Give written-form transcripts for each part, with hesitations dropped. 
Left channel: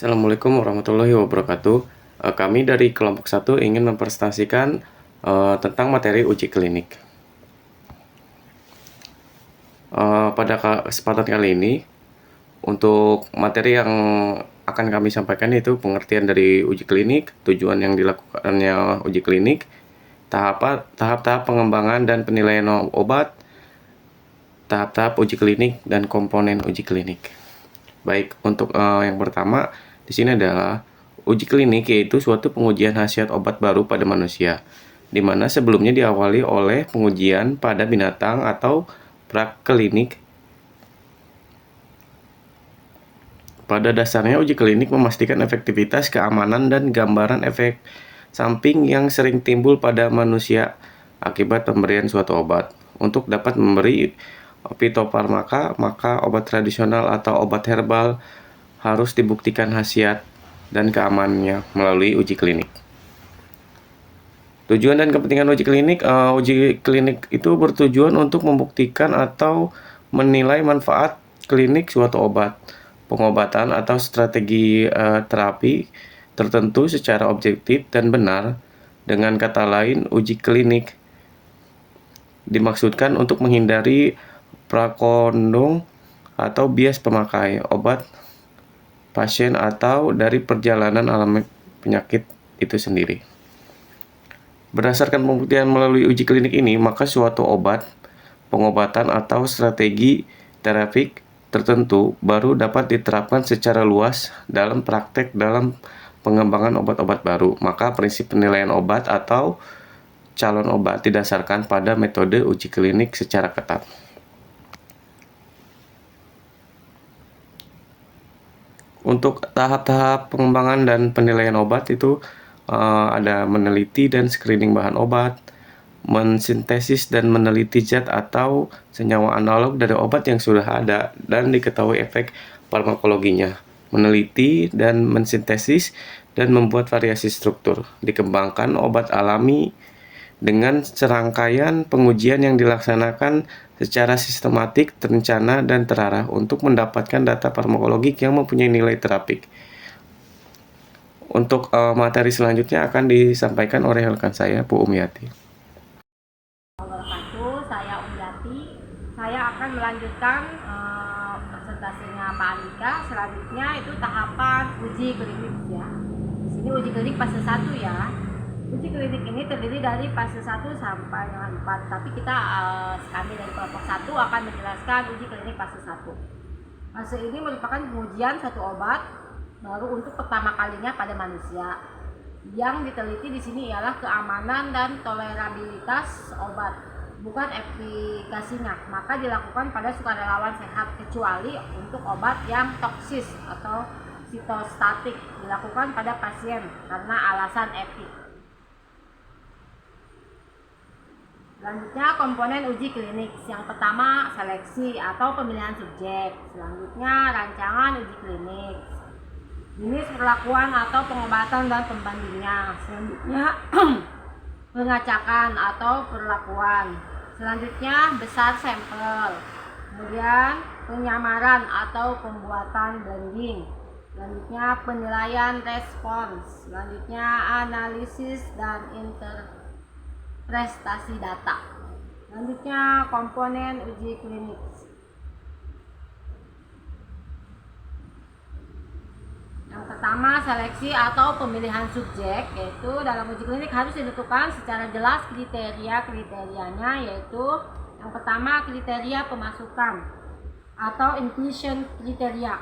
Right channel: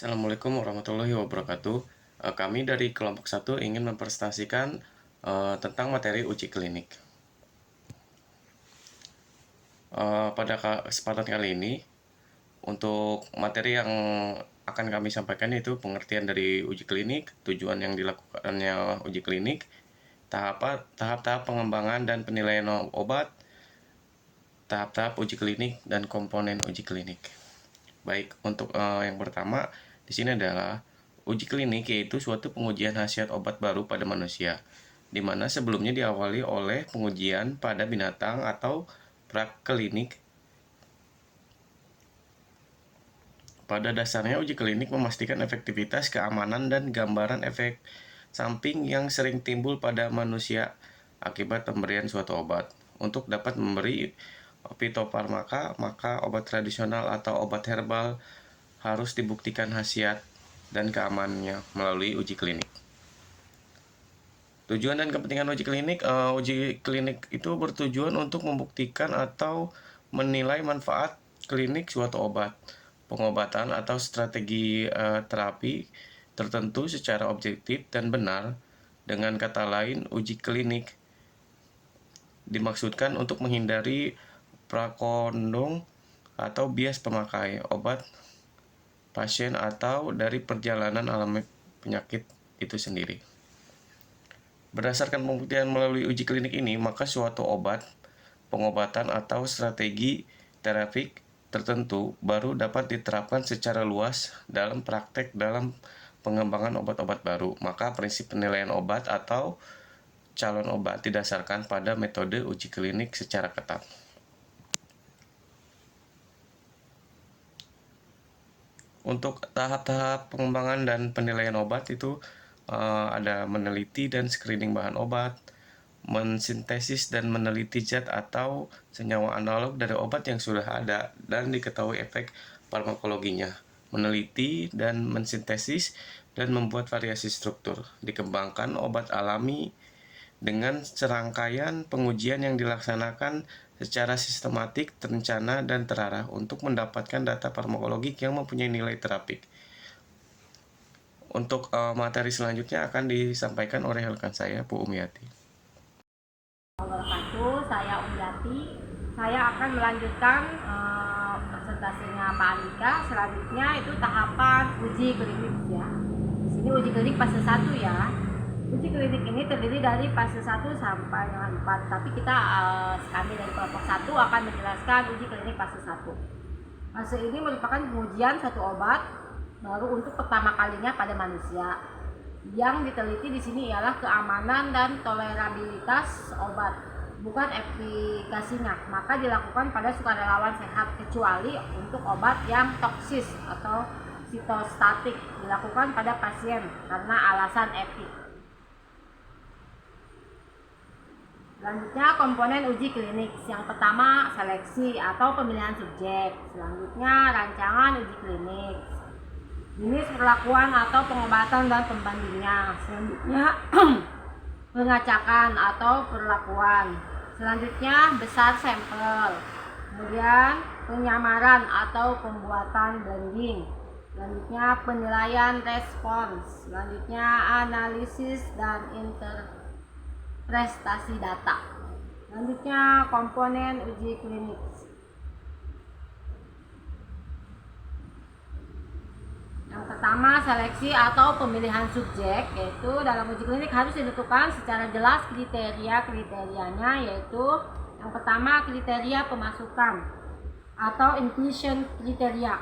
Assalamualaikum warahmatullahi wabarakatuh. Kami dari kelompok 1 ingin mempresentasikan tentang materi uji klinik. Pada kesempatan kali ini, untuk materi yang akan kami sampaikan yaitu pengertian dari uji klinik, tujuan yang dilakukannya uji klinik, tahap-tahap pengembangan dan penilaian obat, tahap-tahap uji klinik, dan komponen uji klinik. Baik, untuk yang pertama di sini adalah uji klinik, yaitu suatu pengujian khasiat obat baru pada manusia, di mana sebelumnya diawali oleh pengujian pada binatang atau praklinik. Pada dasarnya uji klinik memastikan efektivitas, keamanan, dan gambaran efek samping yang sering timbul pada manusia akibat pemberian suatu obat. Untuk dapat memberi fitofarmaka, maka obat tradisional atau obat herbal harus dibuktikan khasiat dan keamanannya melalui uji klinik. Tujuan dan kepentingan uji klinik. Uji klinik itu bertujuan untuk membuktikan atau menilai manfaat klinik suatu obat, pengobatan, atau strategi terapi tertentu secara objektif dan benar. Dengan kata lain, uji klinik dimaksudkan untuk menghindari prakondong atau bias pemakai obat pasien atau dari perjalanan alami penyakit itu sendiri. Berdasarkan pembuktian melalui uji klinik ini, maka suatu obat, pengobatan, atau strategi terapik tertentu baru dapat diterapkan secara luas dalam praktek dalam pengembangan obat-obat baru. Maka prinsip penilaian obat atau calon obat didasarkan pada metode uji klinik secara ketat. Untuk tahap-tahap pengembangan dan penilaian obat itu ada meneliti dan screening bahan obat, mensintesis dan meneliti zat atau senyawa analog dari obat yang sudah ada dan diketahui efek farmakologinya, meneliti dan mensintesis dan membuat variasi struktur, dikembangkan obat alami dengan serangkaian pengujian yang dilaksanakan secara sistematik, terencana, dan terarah untuk mendapatkan data farmakologik yang mempunyai nilai terapik. Untuk materi selanjutnya akan disampaikan oleh rekan saya, Bu Umyati. Saya Umyati. Saya akan melanjutkan presentasinya Pak Andika. Selanjutnya itu tahapan uji klinik ya. Di sini uji klinik fase 1 ya. Uji klinik ini terdiri dari fase 1 sampai dengan 4. Tapi kami dari kelompok 1 akan menjelaskan uji klinik fase 1. Fase ini merupakan pengujian satu obat baru untuk pertama kalinya pada manusia. Yang diteliti di sini ialah keamanan dan tolerabilitas obat, bukan efikasinya. Maka dilakukan pada sukarelawan sehat, kecuali untuk obat yang toksis atau sitostatik dilakukan pada pasien karena alasan etik. Selanjutnya komponen uji klinik. Yang pertama seleksi atau pemilihan subjek. Selanjutnya rancangan uji klinik. Jenis perlakuan atau pengobatan dan pembandingnya. Selanjutnya pengacakan atau perlakuan. Selanjutnya besar sampel. Kemudian penyamaran atau pembuatan blending. Selanjutnya penilaian respons. Selanjutnya analisis dan interpretasi data. Selanjutnya komponen uji klinik. Yang pertama seleksi atau pemilihan subjek, yaitu dalam uji klinik harus ditentukan secara jelas kriteria-kriterianya, yaitu yang pertama kriteria pemasukan atau inclusion kriteria.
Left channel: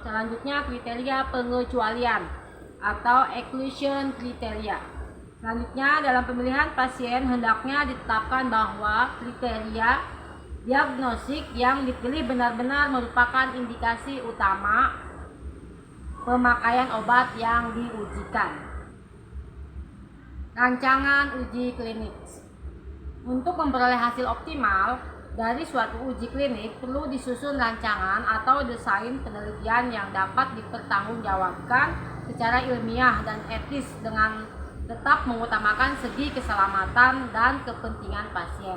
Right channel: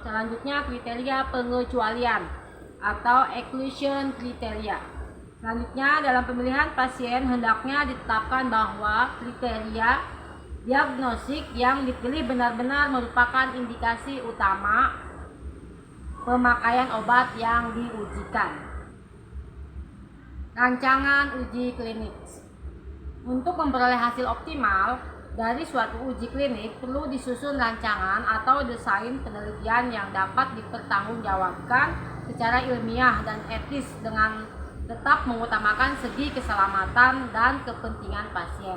Selanjutnya kriteria pengecualian atau exclusion kriteria. Selanjutnya dalam pemilihan pasien hendaknya ditetapkan bahwa kriteria diagnostik yang dipilih benar-benar merupakan indikasi utama pemakaian obat yang diujikan. Rancangan uji klinik. Untuk memperoleh hasil optimal dari suatu uji klinik perlu disusun rancangan atau desain penelitian yang dapat dipertanggungjawabkan secara ilmiah dan etis dengan tetap mengutamakan segi keselamatan dan kepentingan pasien.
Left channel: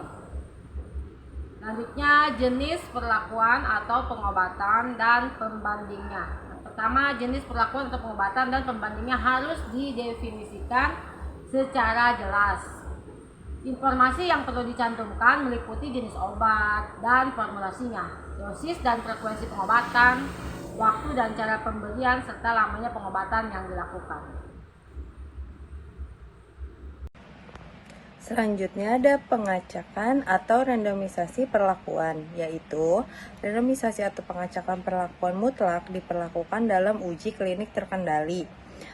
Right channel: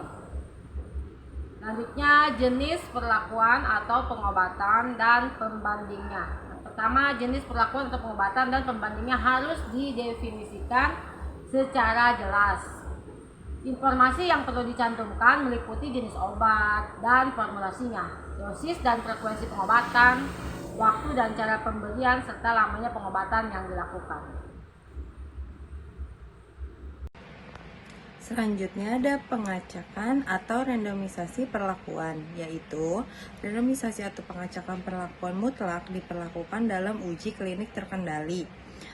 Selanjutnya jenis perlakuan atau pengobatan dan pembandingnya. Pertama, jenis perlakuan atau pengobatan dan pembandingnya harus didefinisikan secara jelas. Informasi yang perlu dicantumkan meliputi jenis obat dan formulasinya, dosis dan frekuensi pengobatan, waktu dan cara pemberian, serta lamanya pengobatan yang dilakukan. Selanjutnya ada pengacakan atau randomisasi perlakuan, yaitu randomisasi atau pengacakan perlakuan mutlak diperlakukan dalam uji klinik terkendali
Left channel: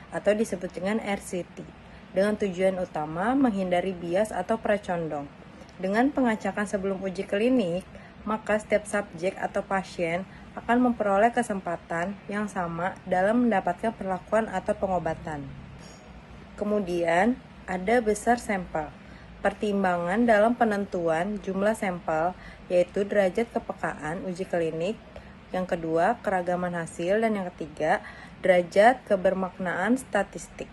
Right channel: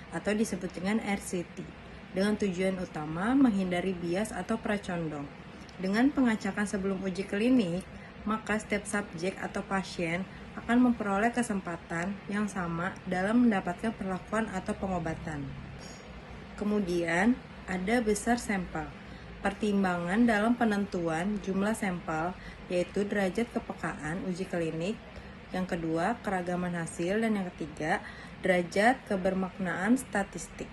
atau disebut dengan RCT dengan tujuan utama menghindari bias atau pracondong. Dengan pengacakan sebelum uji klinik, maka setiap subjek atau pasien akan memperoleh kesempatan yang sama dalam mendapatkan perlakuan atau pengobatan. Kemudian ada besar sampel. Pertimbangan dalam penentuan jumlah sampel, yaitu derajat kepekaan uji klinik, yang kedua keragaman hasil, dan yang ketiga derajat kebermaknaan statistik.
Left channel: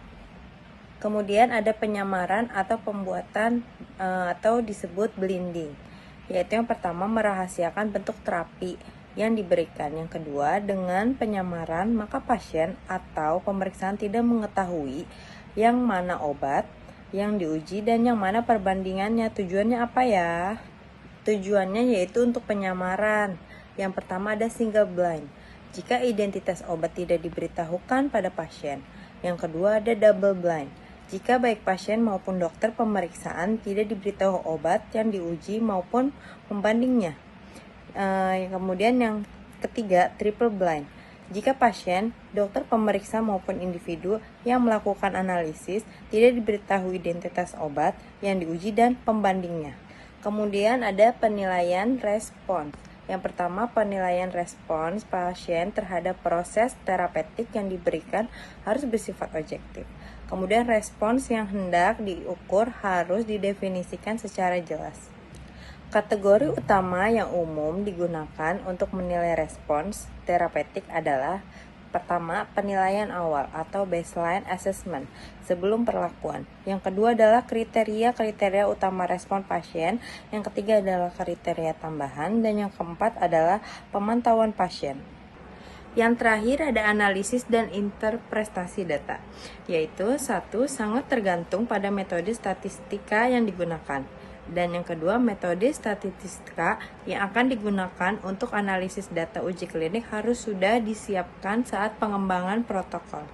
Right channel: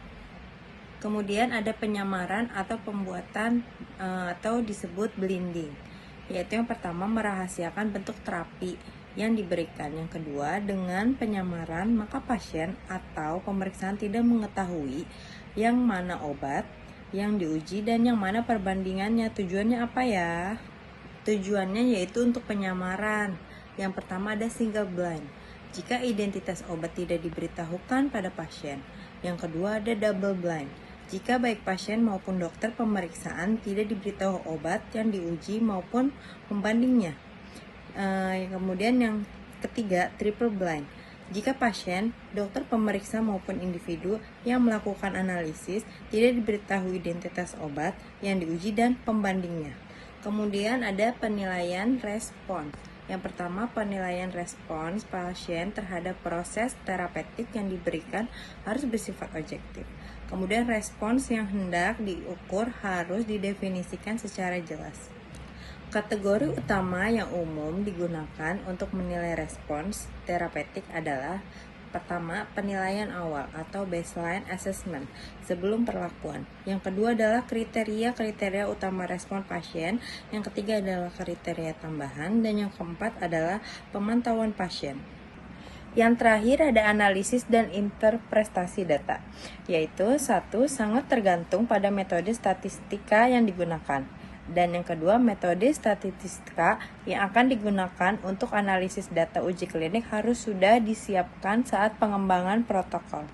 Kemudian ada penyamaran atau pembuatan atau disebut blinding, yaitu yang pertama merahasiakan bentuk terapi yang diberikan, yang kedua dengan penyamaran maka pasien atau pemeriksaan tidak mengetahui yang mana obat yang diuji dan yang mana perbandingannya. Tujuannya apa ya? Tujuannya yaitu untuk penyamaran. Yang pertama ada single blind, jika identitas obat tidak diberitahukan pada pasien. Yang kedua ada double blind, jika baik pasien maupun dokter pemeriksaan tidak diberitahu obat yang diuji maupun pembandingnya. Kemudian yang ketiga triple blind, jika pasien, dokter pemeriksa maupun individu yang melakukan analisis tidak diberitahu identitas obat yang diuji dan pembandingnya. Kemudian ada penilaian respons. Yang pertama, penilaian respons pasien terhadap proses terapeutik yang diberikan harus bersifat objektif. Kemudian respons yang hendak diukur harus didefinisikan secara jelas. Kategori utama yang umum digunakan untuk menilai respons terapeutik adalah pertama, penilaian awal atau baseline assessment sebelum perlakuan. Yang kedua adalah kriteria utama respon pasien. Yang ketiga adalah kriteria tambahan. Dan yang keempat adalah pemantauan pasien. Yang terakhir ada analisis dan interpretasi data, yaitu satu, sangat tergantung pada metode statistika yang digunakan. Dan yang kedua, metode statistika yang akan digunakan untuk analisis data uji klinik harus sudah disiapkan saat pengembangan protokol.